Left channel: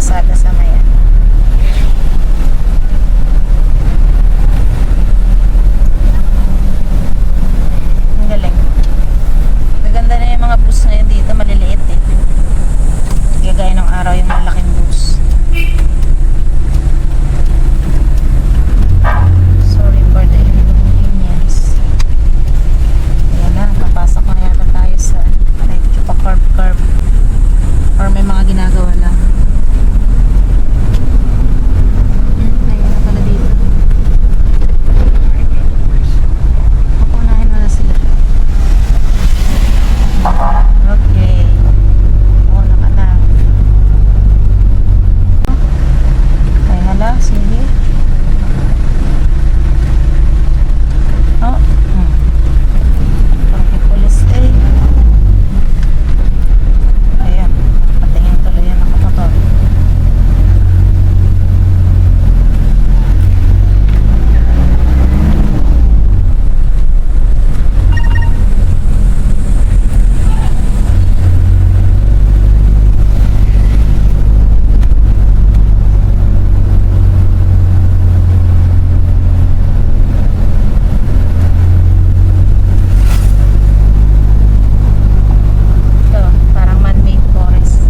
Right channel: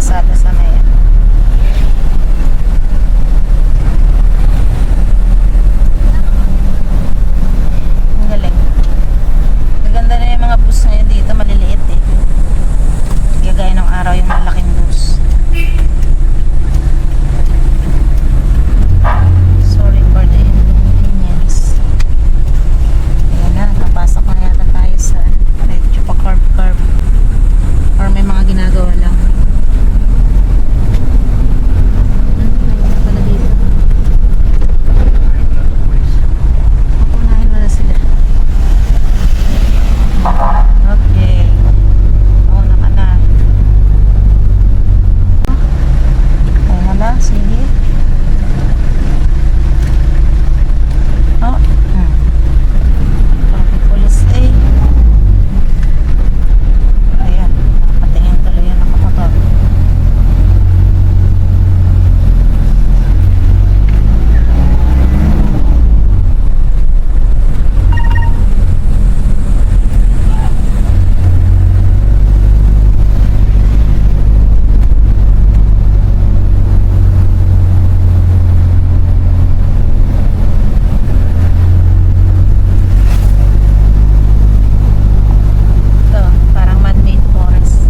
kalsada sa may ano. Ang galing. Maganda na yung mga bus ngayon dito, maliliit eh. Gagaya ng araw yung malaking bus. Sorry for the inconvenience. Ayan na, napasok na yata tayo sa medyo pa curve or may mga ginagawa lang. Ayun na pala dito. Unahin mo na sila. Okay. Una ka na. Ayun na lang, sige. Oh, traffic police eh. Ayan, patingin tuloy yan nakamotor. Ito, parang man-made forest.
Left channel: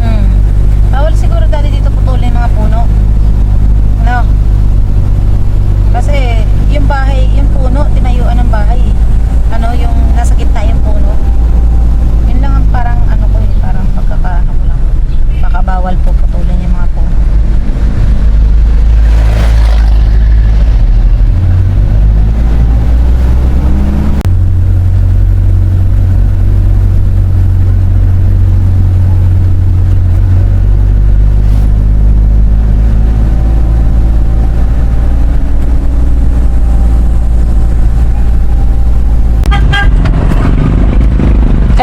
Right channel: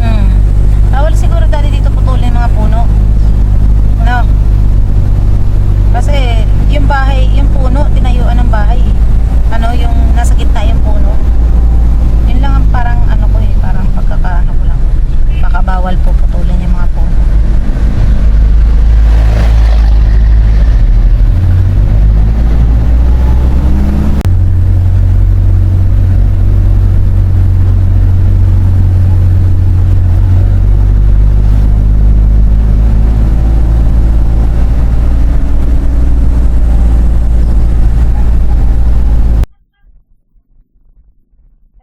Hmm. Bawal siguro dati dito putulin yung mga puno. No? Kasi yung bahay, yung puno, tinayuan ng bahay. Ano, yung nasa gitna yung puno. Yun lang ang parang ano ko eh, parang pagkakaano ko lang. Bawal po putulin yung mga puno.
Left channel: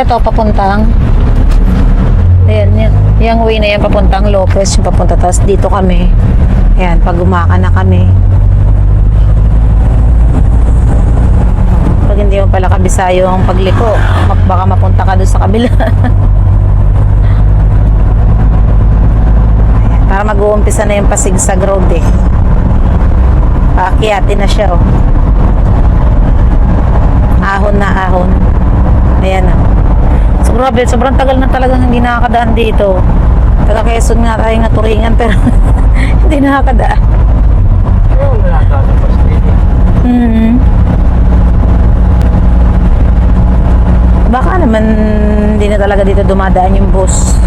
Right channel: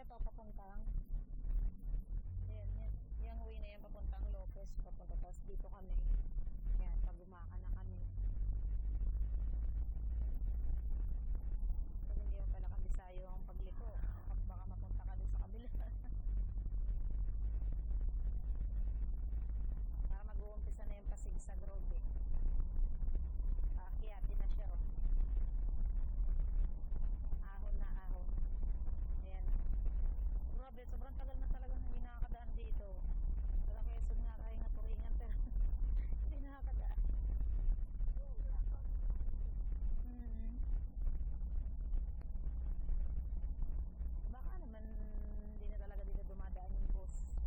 Ito, papuntang ayan, yung way na yan papuntang Lopez, yung papunta, tapos dito kami ayan, pag umaka na kami, pag hindi mo pala kabisado yung pagliko, baka mapunta ka doon sa kabila. Ayan, para mag-uumpisa na yung pasigsag road eh, paakyatin na siya oh. Ahon na ahon, ayan na. So, grabe, sobrang tagal na talagang hindi nakakadaan dito. Taga Quezon nga tayo nga turingan pero hindi nakakadaan. Oo, wala ka sa pastili. Baka naman hindi na talaga dito dumadaan yung bus.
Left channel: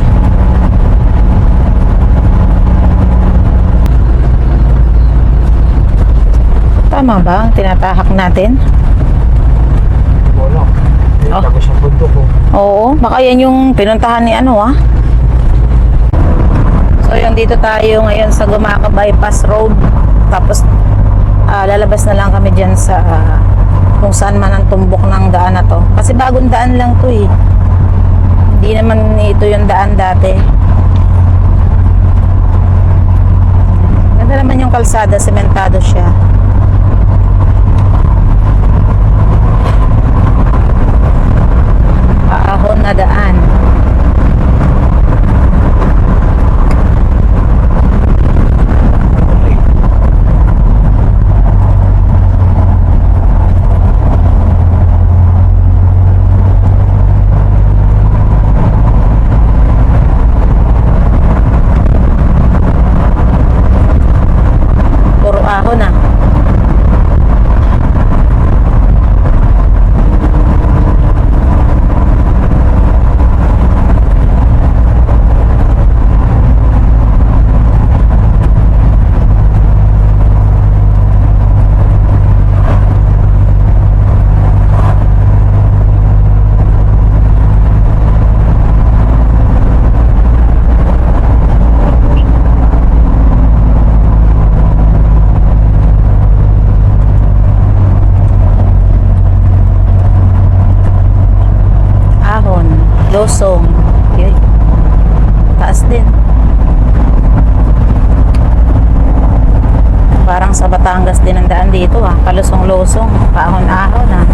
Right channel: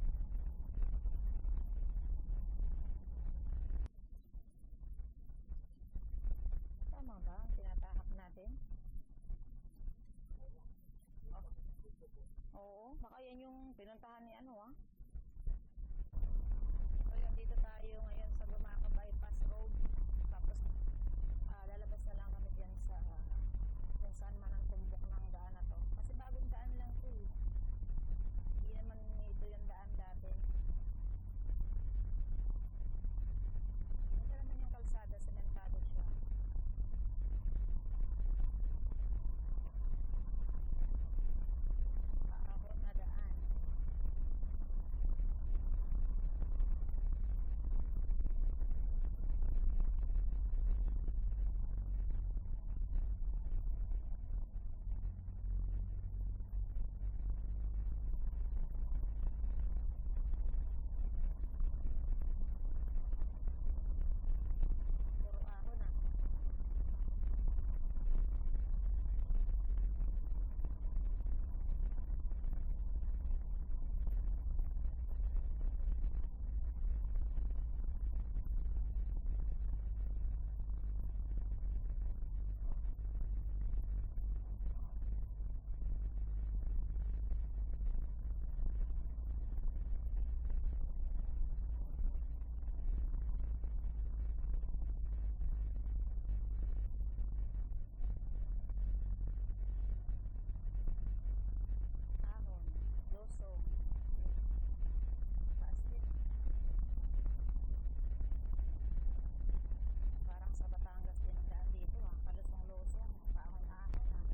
Tama ba ang tinatahak natin? Wala. Oh. Tapos ang bundok ko. Oo, baka yan yung pinuntahan ni ano ah. So yung dito tayo ngayon sa Gumaca Bypass Road. Tapos lalabas na lang kami dyan sa kung saan man ang tumbok ng daan na to. Kasi bagong daan lang to eh. Hindi naman ito yung daan dati. Ganda naman yung kalsada, sementado siya. Paahon na daan. Puro ahon ah. Losong. Yun. Taas din. Parang sa Batangas din ang daan dito ah. Palusong-lusong, paahon-ahon ah.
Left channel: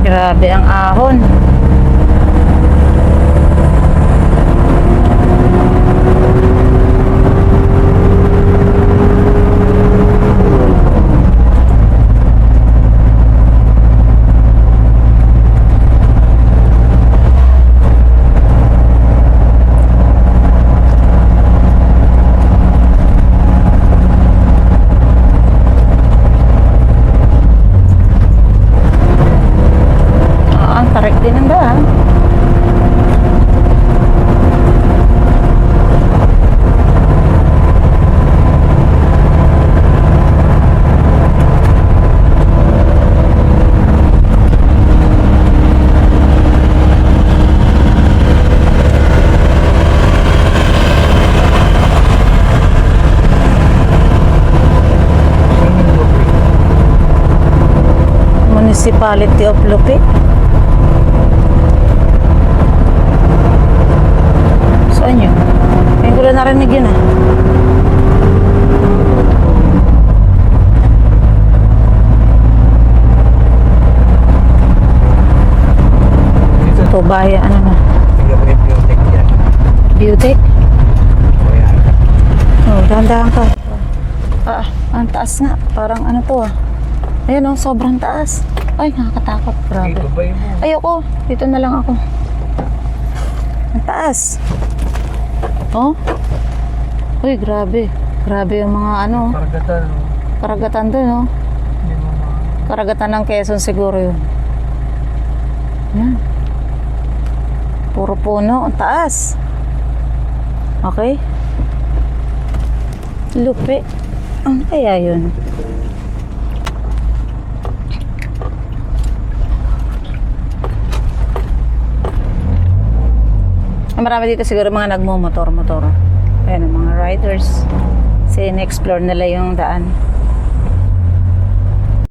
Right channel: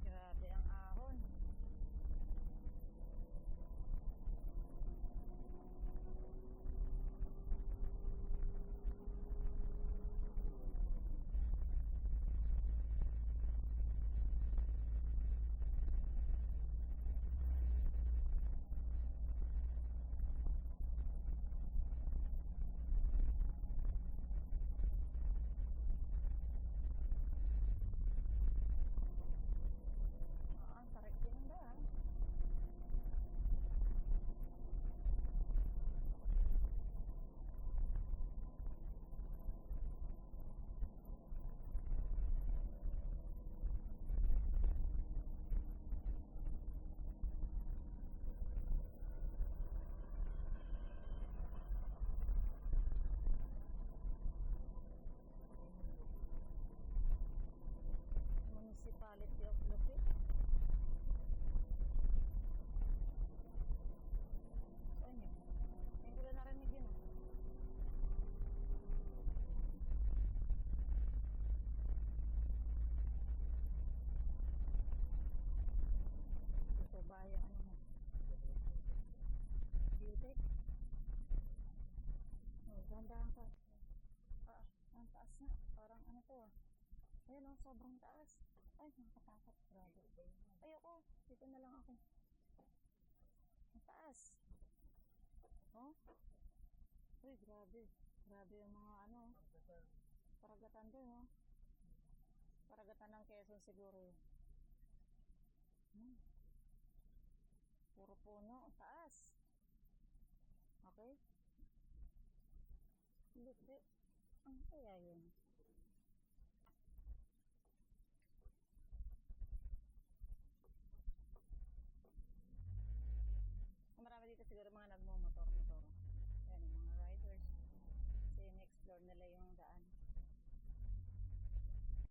Grabe ang ahon. Ang tarik din ang daan. Municipality of Lupi. Saan yun? Ngayon ko lang narinig yun ah. Dito, Ito bayan, ano na? tingnan mo yung biotech yan. Beautech? O yan. Oh, dahan-dahan ka. Ah, ang taas nga. Parang ano to ah. Ayan oh, sobrang taas. Ay, nakakatakot. Grabe. Dito ba yun mo? Ayoko. Dito na lang ako. Ang taas. Oh. Uy, grabe. Grabe yung mga ano. Karagatan. Karagatan doon, oh. Hindi mo Karagatan ng Quezon siguro yun. Yan. Puro puno. Ang taas. Okay. Lupi. Ano kaya yun? Marami dito siguro mga nagmumotor-motor. Ayan ang mga riders. Kasi in-explore nila yung daan.